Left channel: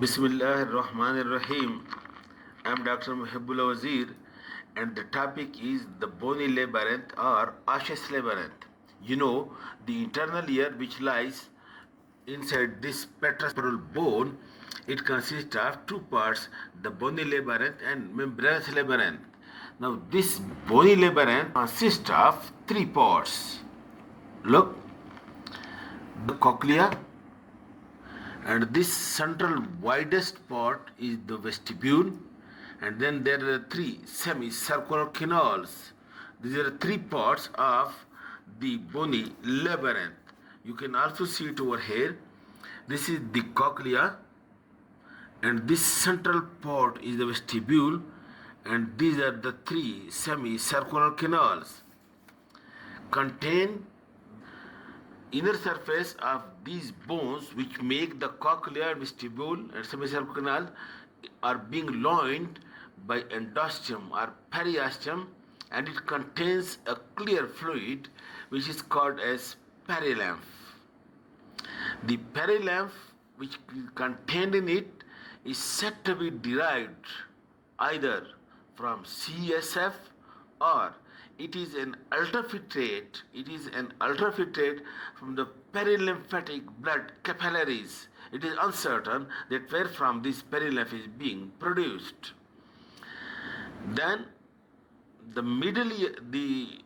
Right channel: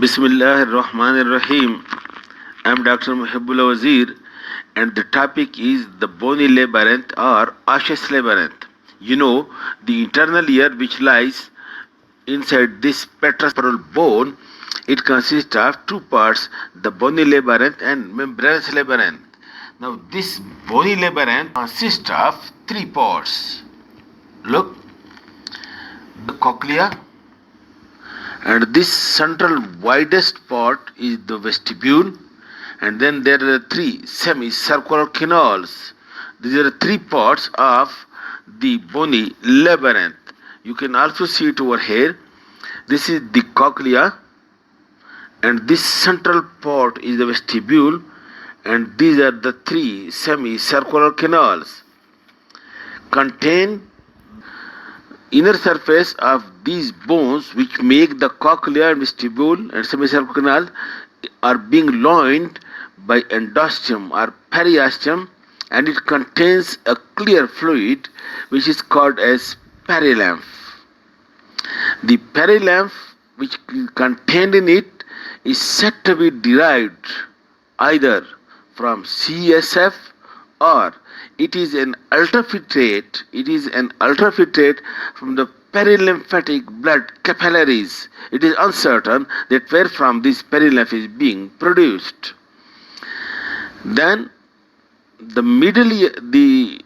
Bismillah ar-Rahman ar-Rahim. I am Dr. Mohaibullah Wazir, and the topic is the Bony Labyrinth or Osseous Labyrinth. You know, the internal ear which lies inside this petrospermal bone, it consists of two parts, the Bony Labyrinth and membranous labyrinth. Now, this Bony Labyrinth consists of three parts. Look, the cochlea, and this central widest part is the vestibule, and then there are three semicircular canals. These are the three parts of the bony labyrinth. You can also see it over here. This is the cochlea, and this central part is the vestibule, and these are the three semicircular canals. Contain inner surface of these bones which make the cochlea and vestibule and semicircular canal are being lined by endosteum or periosteum, and it contains a clear fluid which is called as perilymph. The perilymph which is contained in it is said to be derived either from CSF or it is an ultrafiltrate from the perilymphatic blood capillaries. It is uncertain that where from this perilymph is being produced. Then the middle ear, the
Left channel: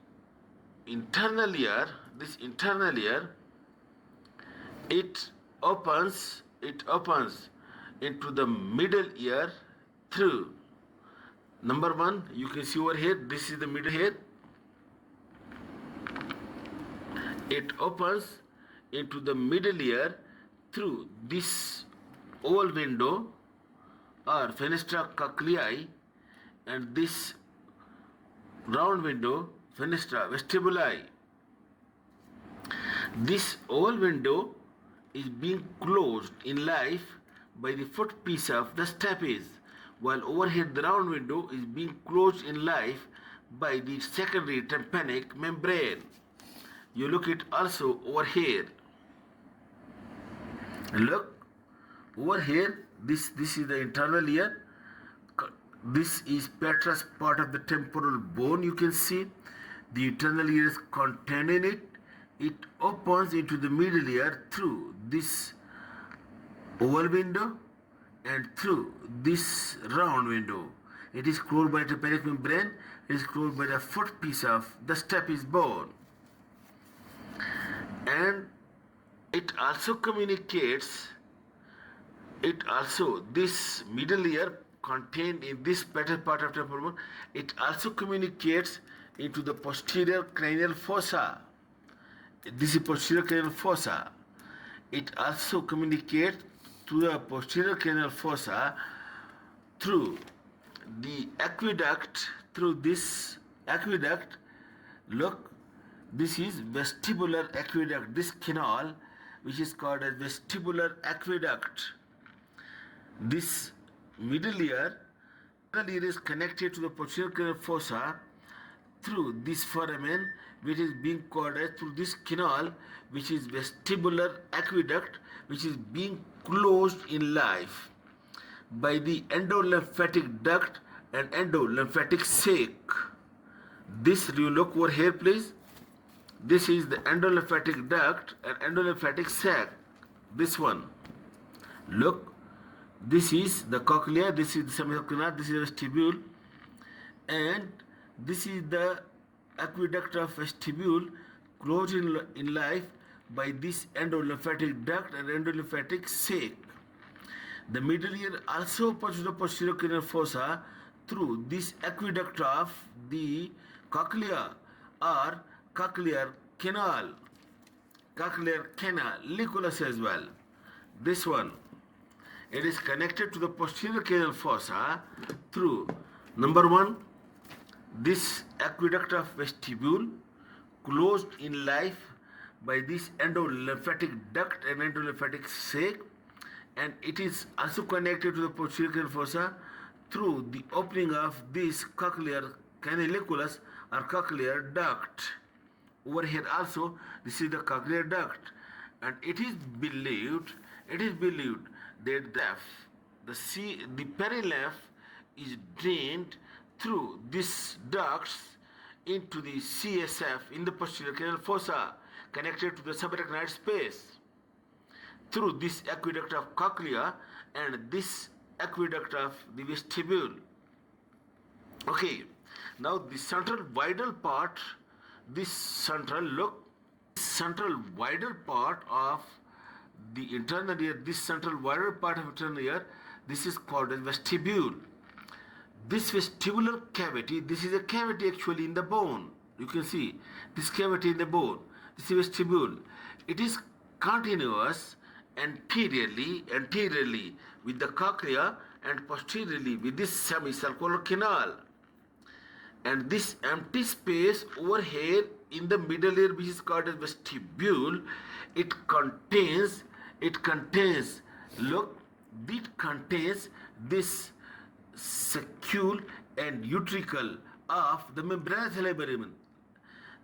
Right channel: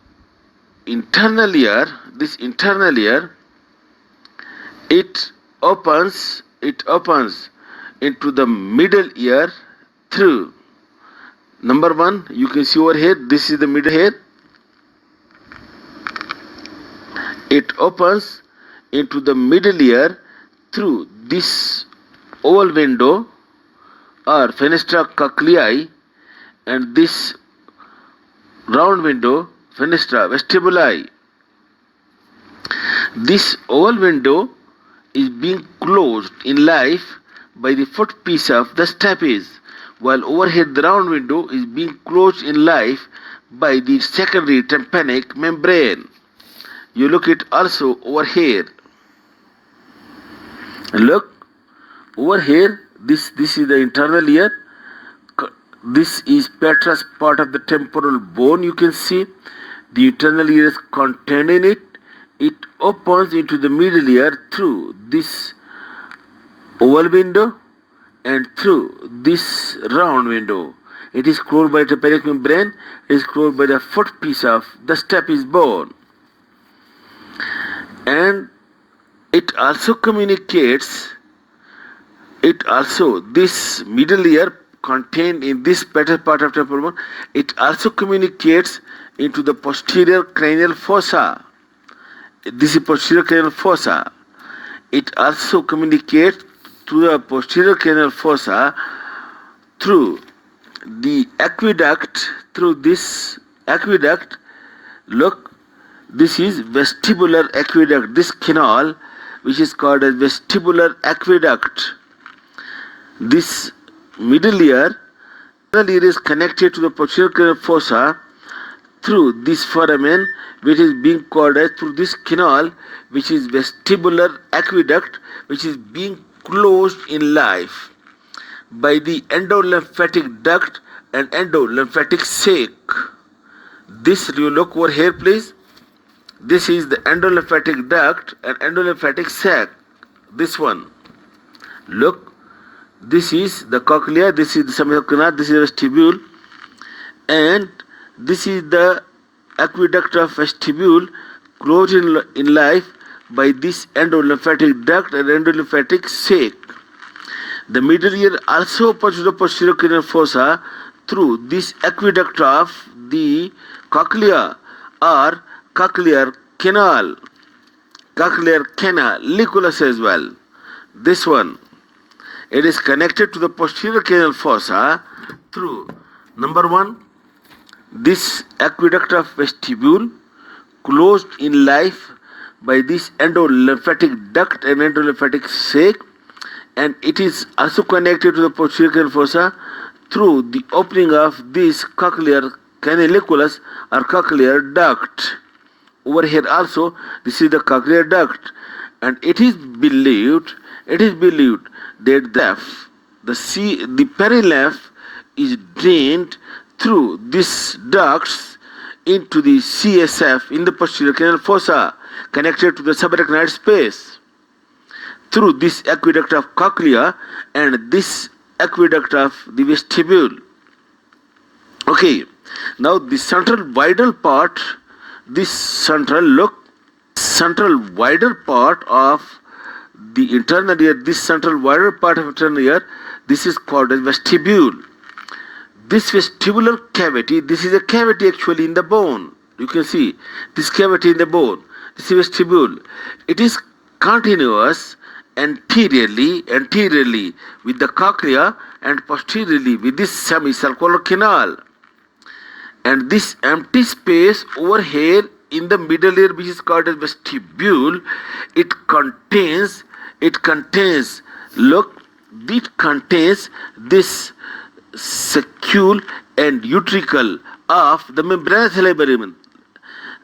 internal ear, this internal ear, it opens into the middle ear through, number one, you can see over here, this is the middle ear. It opens into the middle ear through this oval window or fenestra cochleae, and this round window, fenestra vestibuli. This oval window is being closed in life by the footpiece of the stapes, while overhead the round window is being closed in life by the secondary tympanic membrane. You look it also over here. Look over here. This is the internal ear. This is petrous part of the temporal bone. You can see the internal ear is contained in it. It opens into the middle ear through this oval window and through this round window. It is closed by the tympanic membrane. It is closed by the footpiece of the stapes bone. And it also communicates, this middle ear contained in this petrous part of temporal bone, it also communicates into the posterior cranial fossa. This is posterior cranial fossa. It also communicates to the posterior cranial fossa through the aqueduct, Look, this is vestibular aqueduct, this canal which is called as vestibular aqueduct. This middle ear is connected to the posterior cranial fossa through this foramen which is being called as through this canal which is vestibular aqueduct, which is being closed in life by the endolymphatic duct and endolymphatic sac. This, you look over here please. This is the endolymphatic duct and endolymphatic sac. This one. Look, this is the cochlea, this is the semicircular canal, this is the vestibule, and this is the aqueduct of vestibule closed in life by this endolymphatic duct and endolymphatic sac. The middle ear also opens to the posterior cranial fossa through this aqueduct of the cochlea or cochlear canal, liculus as well. This one, it is connected to the posterior cranial fossa through, number one, this aqueduct of vestibule closed in life by this endolymphatic duct and endolymphatic sac, and it is also connected to the posterior cranial fossa through the opening of this cochlear canaliculus or cochlear duct. Over here also, this is the cochlear duct, and it is believed that the the perilymph is drained through these ducts into the CSF in the posterior canal fossa connected to the subarachnoid space through this aqueduct of cochlea and this aqueduct of the vestibule. Okay, now the central vital part, this central wider part of the internal ear, this central wider part of internal ear, this is called as vestibule. This vestibular cavity, this is a cavity actually in the bone. You can see this cavity in the bone. This is vestibule. It is continuous anteriorly with the cochlea and posteriorly with this semicircular canal. And this empty space over here in the middle ear, which is called as vestibule, it contains this saccule and utricle of the membranous labyrinth.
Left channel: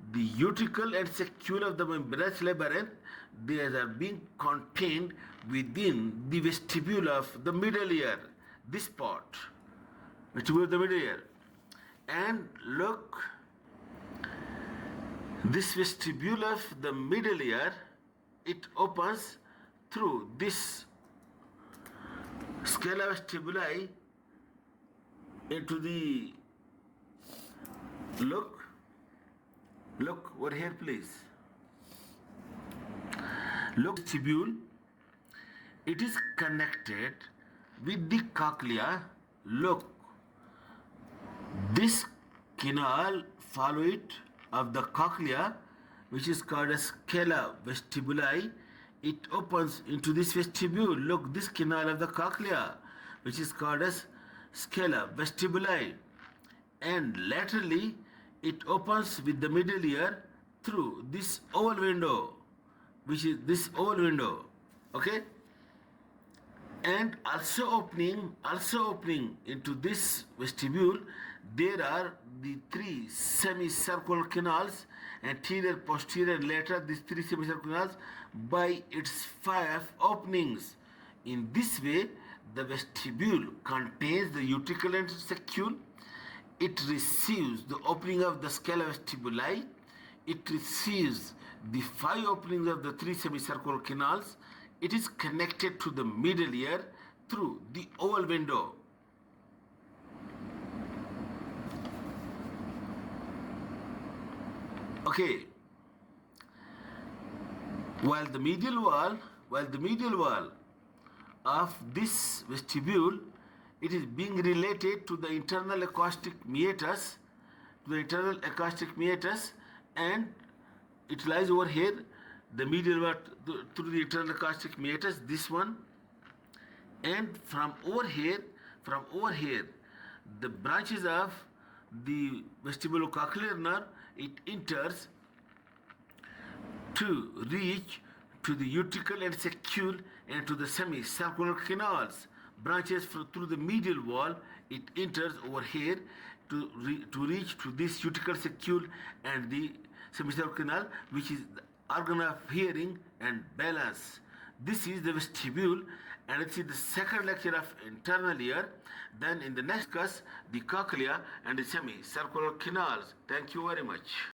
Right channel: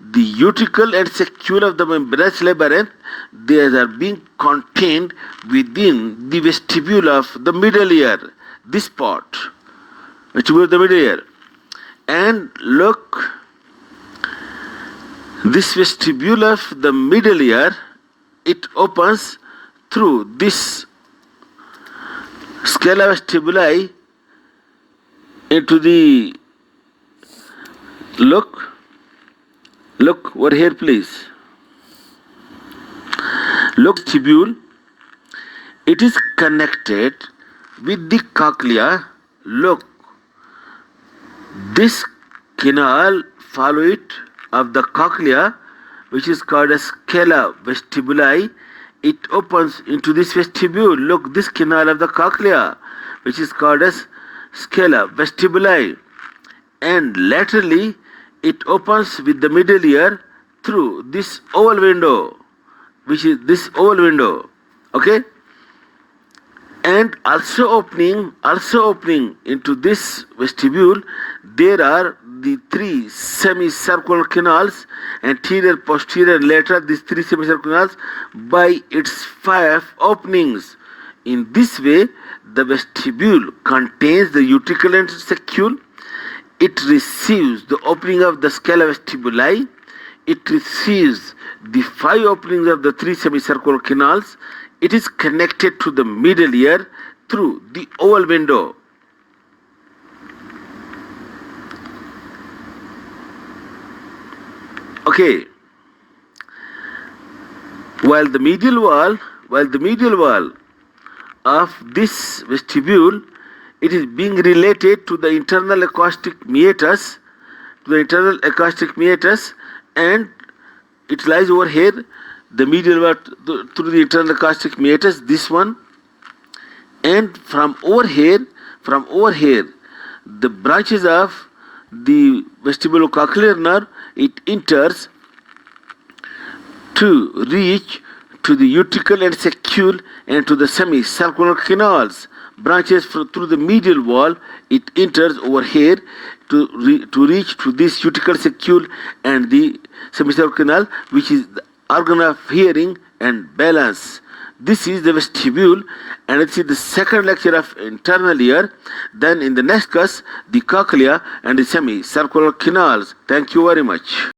The utricle and saccule of the membranous labyrinth, they are being contained within the vestibule of the middle ear, this part, vestibule of the middle ear. And look, this vestibule of the middle ear, it opens through this scala vestibuli into the, look over here please. Look, vestibule, it is connected with the cochlea. Look, this canal follow it of the cochlea, which is called as scala vestibuli. It opens into this vestibule. Look, this canal of the cochlea, which is called as scala vestibuli, and laterally it opens with the middle ear through this oval window, which is this oval window. Okay, and also opening into this vestibule, there are the three semicircular canals, anterior, posterior, lateral, these three semicircular canals by its 5 openings. In this way, the vestibule contains the utricle and saccule. It receives the opening of the scala vestibuli. It receives the 5 openings of the 3 semicircular canals. It is connected to the middle ear through the oval window. Okay. While the medial wall of this vestibule, it is being related to the internal acoustic meatus, and it lies over here, the medial wall through the internal acoustic meatus, this one, and from over here, the branches of the vestibulocochlear nerve, it enters to reach to the utricle and saccule and to the semicircular canals. Branches through the medial wall, it enters over here to reach to this utricle, saccule and the semicircular canal, which is the organ of hearing and balance. This is the vestibule, and it's in the second lecture of internal ear. Then in the next class, the cochlea and the semicircular canals. Thank you very much.